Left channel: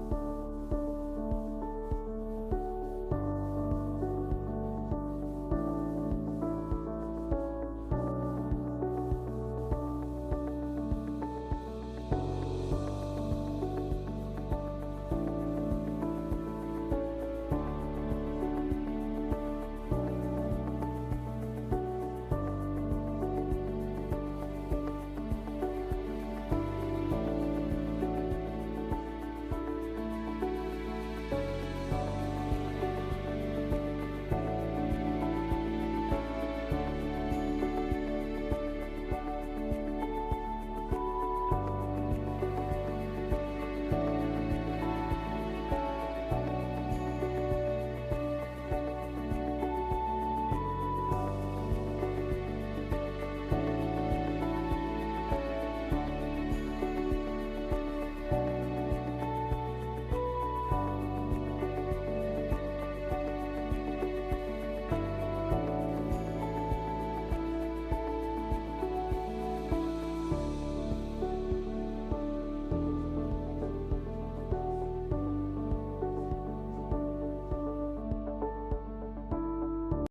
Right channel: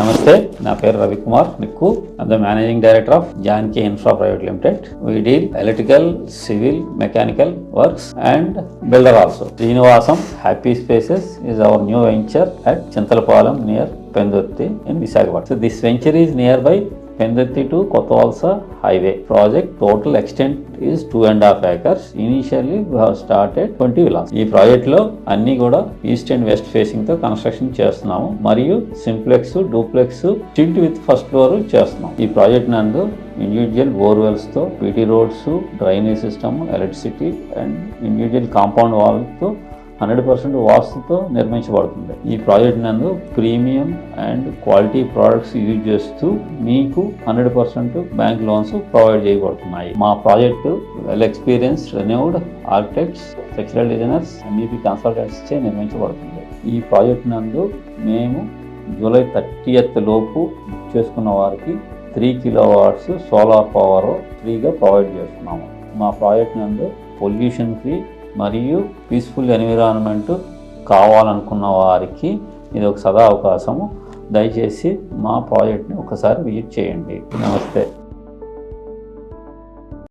నమస్తే, నా పేరు Ravikumar నిక్కు. I'm the managing director of Janki Infra Private Limited. We deal electrical, civil, mechanical works and builder also. Srinivasam Happy Spaces is our new venture at Chintalpalam near Pendutti in Visakhapatnam. So this venture is nearby Pendutti to Kottawalsa highway. Project total extent is 2.5 acres. Initially we have started 20 villas. ఈ project లో అన్ని కూడా east and west facing తో construction చేస్తున్నాము మరియు simplex, duplex, tilt with first floor చేస్తున్నాం. ఈ project నందు ఇండివిజువల్ బోర్వెల్స్ తో PT roads, drainage system, electricity and individual compound wall తో 100% వాస్తుతో నిర్మించబడుతుంది. ఈ ప్రాజెక్ట్ నందు premium and quality products use చేస్తూ మీకు 100% బ్యాంక్ లోన్స్ ప్రొవైడ్ చేయబడుతున్నాయి. మా project well experience renewed architects, structural designers, అన్నిటి కన్సల్టెంట్స్ చే నిర్మించబడుతుంది. ఈ ప్రాజెక్ట్ నందు మేము జూలై 30th లోపు చేసుకున్న వారికి 3 kW సోలార్ పవర్ ఫ్రీగా ప్రొవైడ్ చేస్తున్నాము. మా ప్రాజెక్ట్ నందు పొల్యూషన్ ఫ్రీ మరియు పీస్ఫుల్ ఎన్విరాన్మెంట్ కావాలనుకున్న వారికి ఇది ఒక సదా అవకాశము. దయచేసి మా ప్రాజెక్ట్ని ఒకసారి విజిట్ చేయండి. నమస్తే.